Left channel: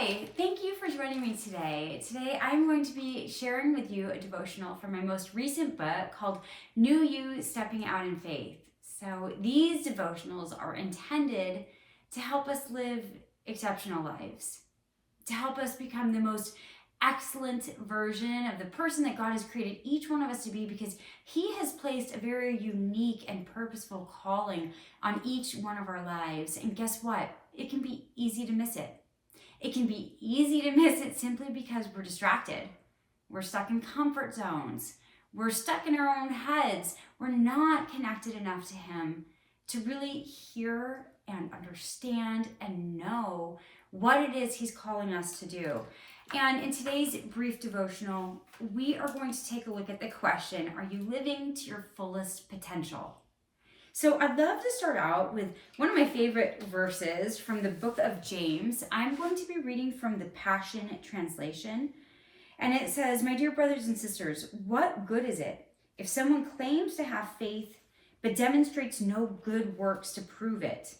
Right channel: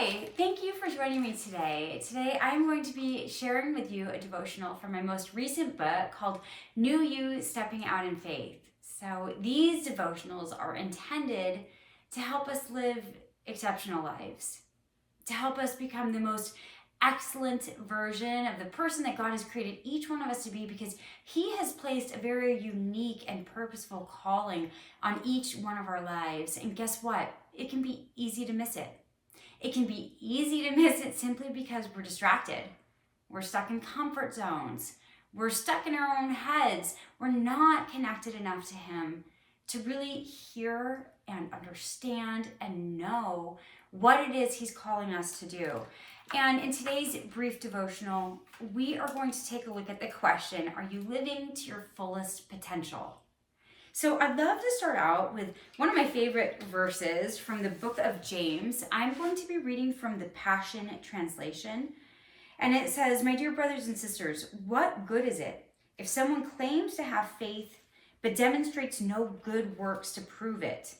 Hi, thank you for joining me today. Today I'm going to be sharing with you a devotional from my most recent book called New You Stepping Out in Faith. So these devotionals are intended to help us live exceptional lives, to help us become the most excellent version of the person that God has created each one of us to be, because He has placed a very unique and purposeful calling on each one of our lives. And guess what? It can be easy to miss it. It can be easy to miss it simply because we're distracted. We're stuck in comfort zones. We're stuck in our own heads. We're not connected enough to Him to really hear and understand and know what it is He's calling us to do. And in today's brief devotional, we are going to take a look at the question, are you living to your fullest potential? So I'd love to start out with one of my favorite verses from the book of James. I'm going to be reading from the Passion Translation. And it says, "My dear brothers and sisters, what good is it if someone claims to have faith but demonstrates no good works to prove it?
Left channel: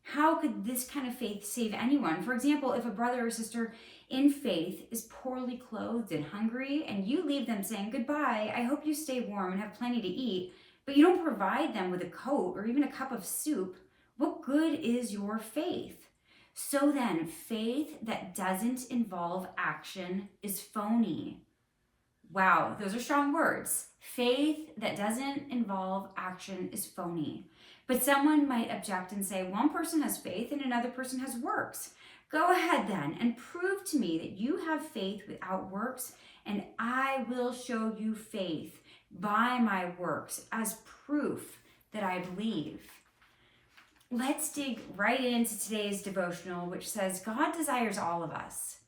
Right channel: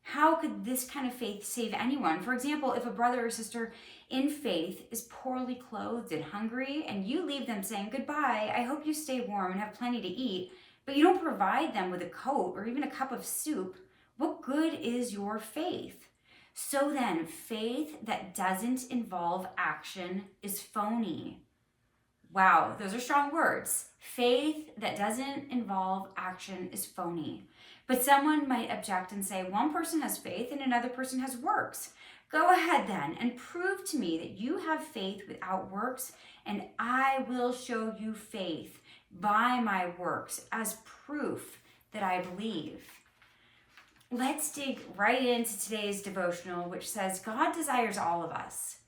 How could this kind of faith save anyone? For example, if a brother or sister in faith is poorly clothed and hungry, and you leave them saying, 'Goodbye, I hope you stay warm and have plenty to eat,' but you don't provide them with a coat or even a cup of soup, what good is your faith? So then, faith that doesn't involve action is phony." Wow, those are strong words. Faith that doesn't involve action is phony. But someone might object and say, one person has faith and another person has works. Go ahead then and prove to me that you have faith without works, and I will show you faith by my works as proof that I believe. Let's dig right into today's devotional, which says God desires all of us,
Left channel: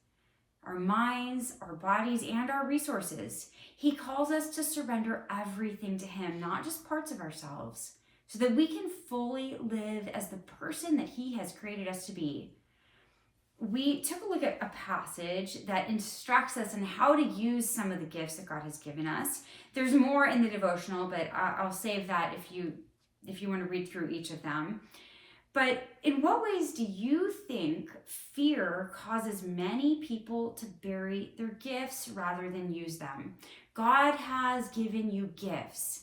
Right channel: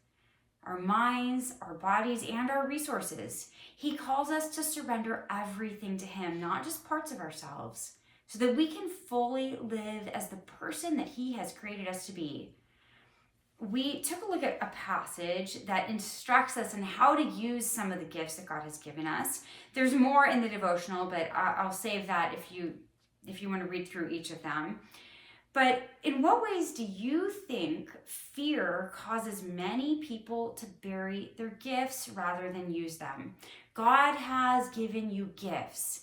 our minds, our bodies, and our resources. He calls us to surrender everything to Him, not just parts of ourselves, so that we can fully live as the person that He has created us to be. We took a look at a passage that instructs us on how to use some of the gifts that God has given us. There's more in the devotional, but I'll save that if you want to read through each of them. But in what ways do you think fear causes many people to bury their gifts rather than use them? God has given you gifts.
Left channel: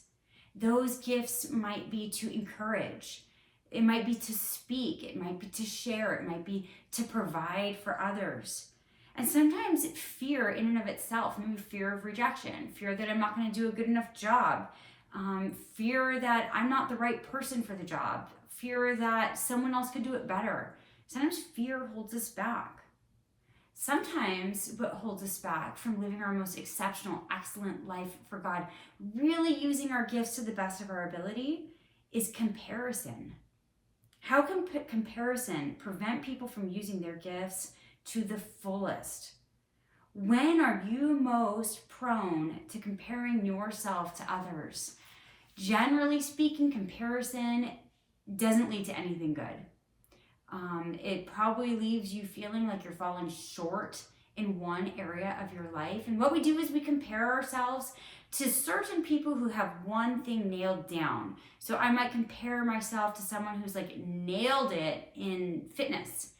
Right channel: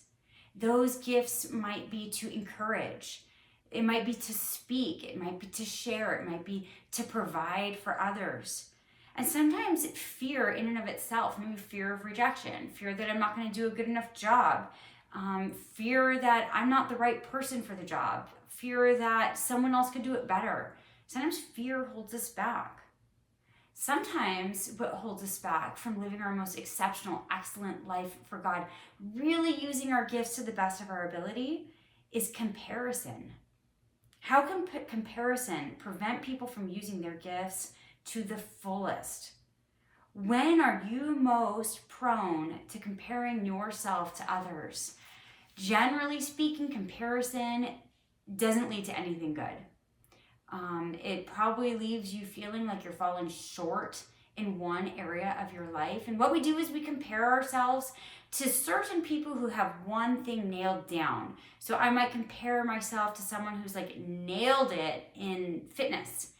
Those gifts might be to encourage. It might be to speak, it might be to share, it might be to provide for others. And sometimes fear in and of itself, maybe fear of rejection, fear that I'm not going to do a good enough job, fear that I'm not the right person for the job, fear that someone else could do it better. Sometimes fear holds us back. Sometimes what holds us back from living our most exceptional, excellent life for God, really using our gifts to the best of our ability, is comparison. How can comparison prevent people from using their gifts to the fullest? When are you most prone to comparing yourself to others? Generally speaking, comparison doesn't lead to anything good. It probably leaves you feeling like you're falling short in one area of your life. And what we do is we compare ourselves to certain people who have one thing nailed down. So I might compare myself to someone who's like nailed it in fitness,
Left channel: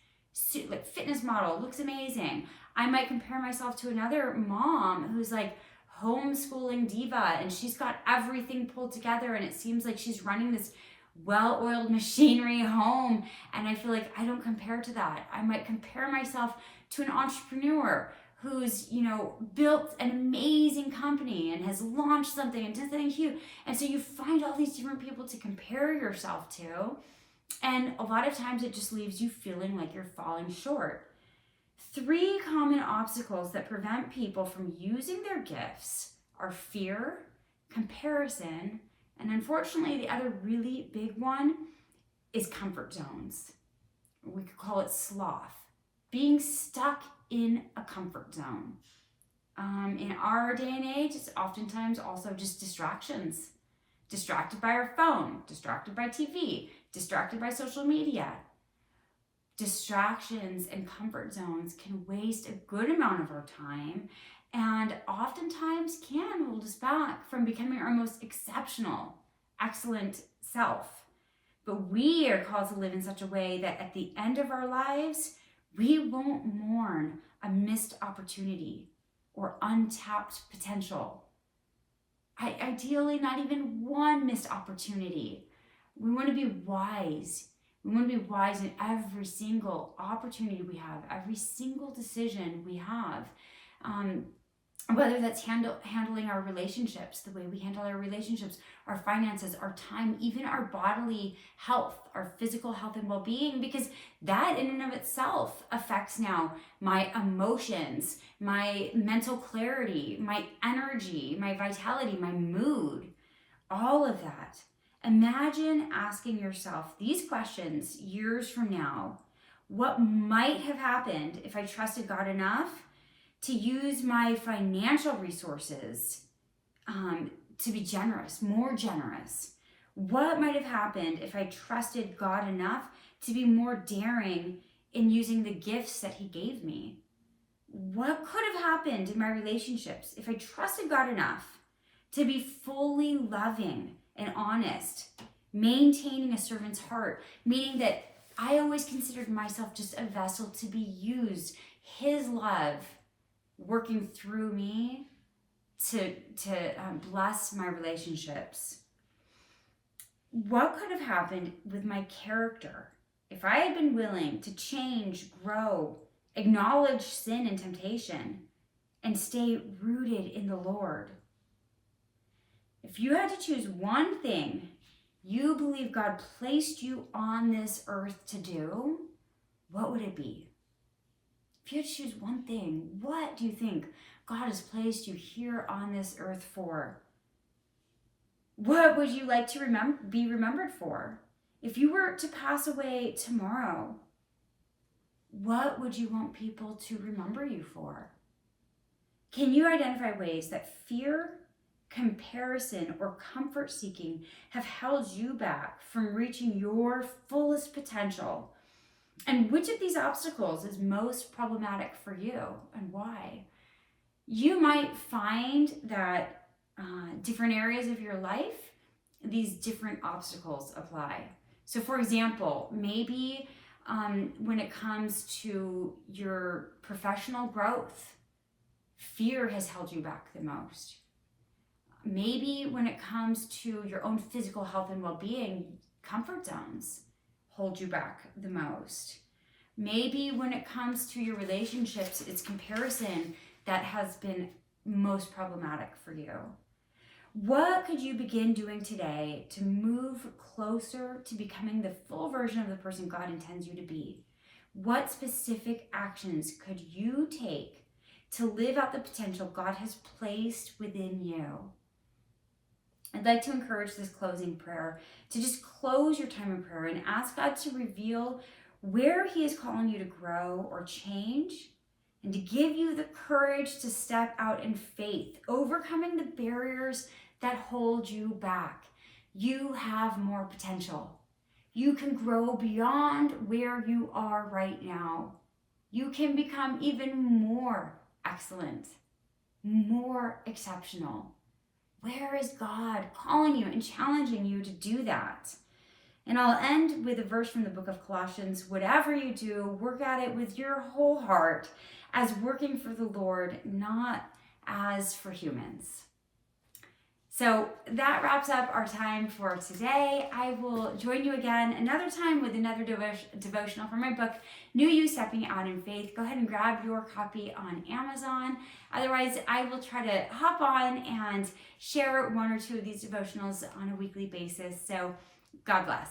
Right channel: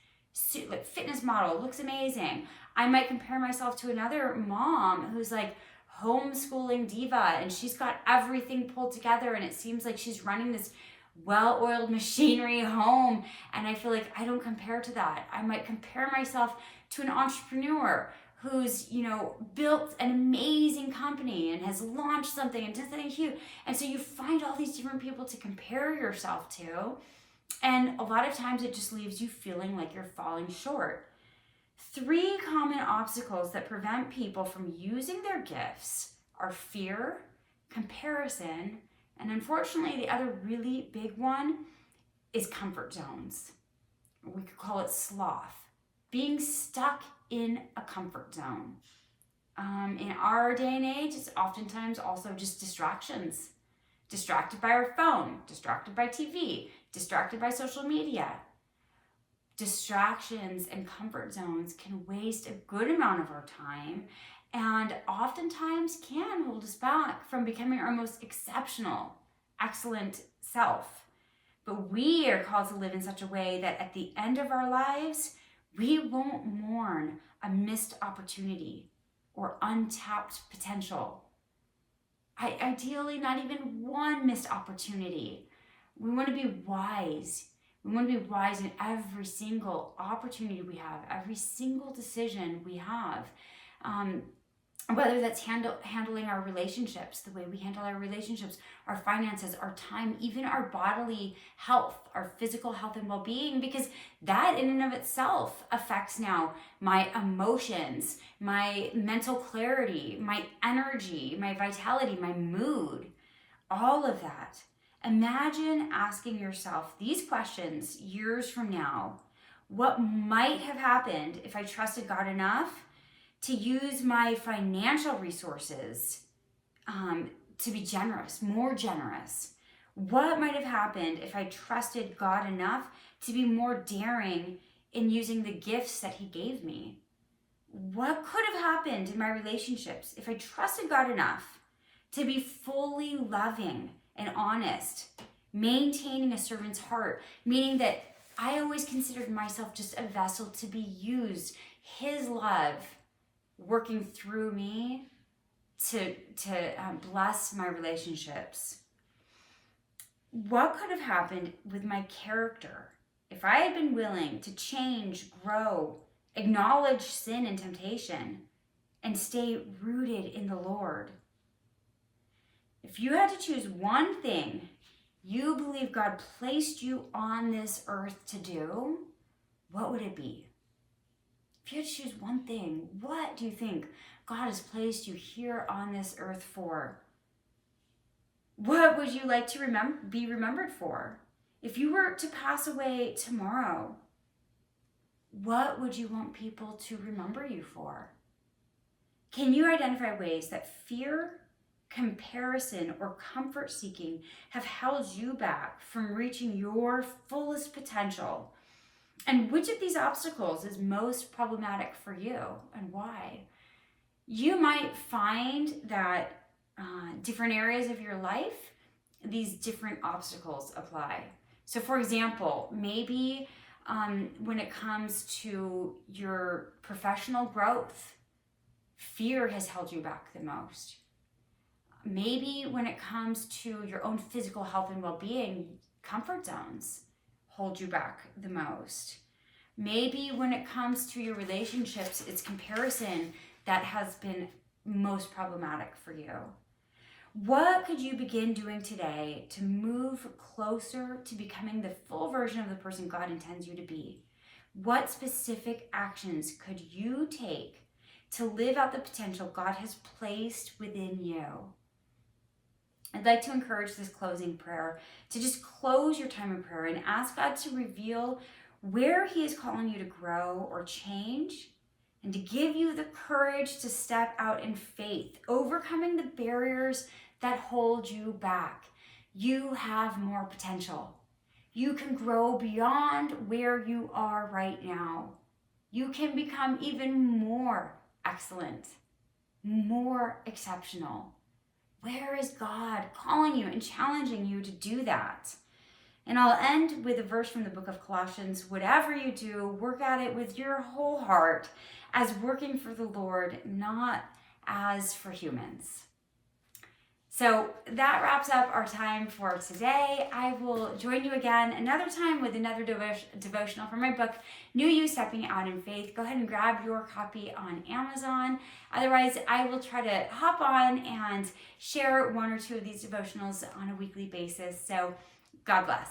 like fitness model, looks amazing. I might compare myself to another mom who's like homeschooling diva, and she's got everything pulled together, and it seems like she's running this well-oiled machinery home, and I feel like I don't compare to that. I might compare myself to an entrepreneur who's, built an amazing company and has launched something and done something huge. And so you find all these different people to compare yourself to, and a lot of times it just leaves you feeling like you're falling short. 3 common obstacles that prevent people from using their gifts are fear, comparison, and unfortunately, the other really big one is comfort zones. We could call it sloth, being stuck in a comfort zone. In our day and age, it's oftentimes also just distractions. Distracted by our phone, distracted by TV, distracted by social media. Distractions and comfort zones can waste a good amount of our time and oftentimes can hold us back from becoming our most exceptional, excellent self. But we are called to live in such a way that at the end of our lives, We won't mourn a missed opportunity or untapped potential. Ideally, not even one missed opportunity. We want to be wise. We want to be wise in every single opportunity we have, every single decision we have. Whether that's handling our relationships, the way we handle our relationships, our finances, our time, even our bodily health, our physical health and well-being, because that in and of itself affects now my emotions, my mental clarity, my energy, my vitality, my mood, all of that. Imagine asking yourself these questions years from now. What might have happened if I trusted God enough to use my financial resources to be generous, more generous? What might have happened if I trusted God enough to be more daring in using the gifts that He gave me? What could have happened in my relationships if I trusted God enough to be fully loving and honest, maintaining a servant's heart, meaning that I always considered myself just a vessel to be used, His love working through me to bless my relationships? What could have happened with my character if I had been willing to change, grow, acknowledge sin and temptation, and stay rooted in the Lord? If you had to choose one thing you believe God placed you on this earth to do, what would it be? If you had to choose one thing, what do you think God has placed you here on this earth for? What would you like to be remembered for? If you were to pass away tomorrow, what would you want people to remember you for? Can you identify ways that fear, comparison, or comfort seeking have held you back from reaching your fullest potential? And which of these obstacles is most problematic for you, and why? You might find that different areas of your life, these different obstacles apply. So for example, maybe when it comes to your professional growth, fear has held you back the most. Maybe when it comes to your own physical health and well-being, comfort zones hold you back the most. Maybe when it comes to your relationships, it's comparison that has been most problematic for you. What could you begin doing today to move closer to becoming the full version of the person God intends you to be? What specific actions could you take to live out the potential God has placed within you? I'd like to encourage this closing prayer to just close your time in prayer and ask God to reveal where He is calling you to grow or change, and to give you the courage to step out in faith, overcoming the barriers that hold you back. You have more potential. You can grow beyond where you are right now. You can become even more excellent, more exceptional. Where is God calling you and challenging you to do that? And I'll end with a verse from the book of Colossians. Whatever you do, work at it with your whole heart, as working for the Lord, not as for humans. So that wraps up our time for today. I will join you again another time with another devotional from my book, New You Stepping Out in Faith. Go ahead and grab your copy on Amazon. Otherwise, I will try to hop on and share one or two of these devotionals on a weekly basis. So God bless.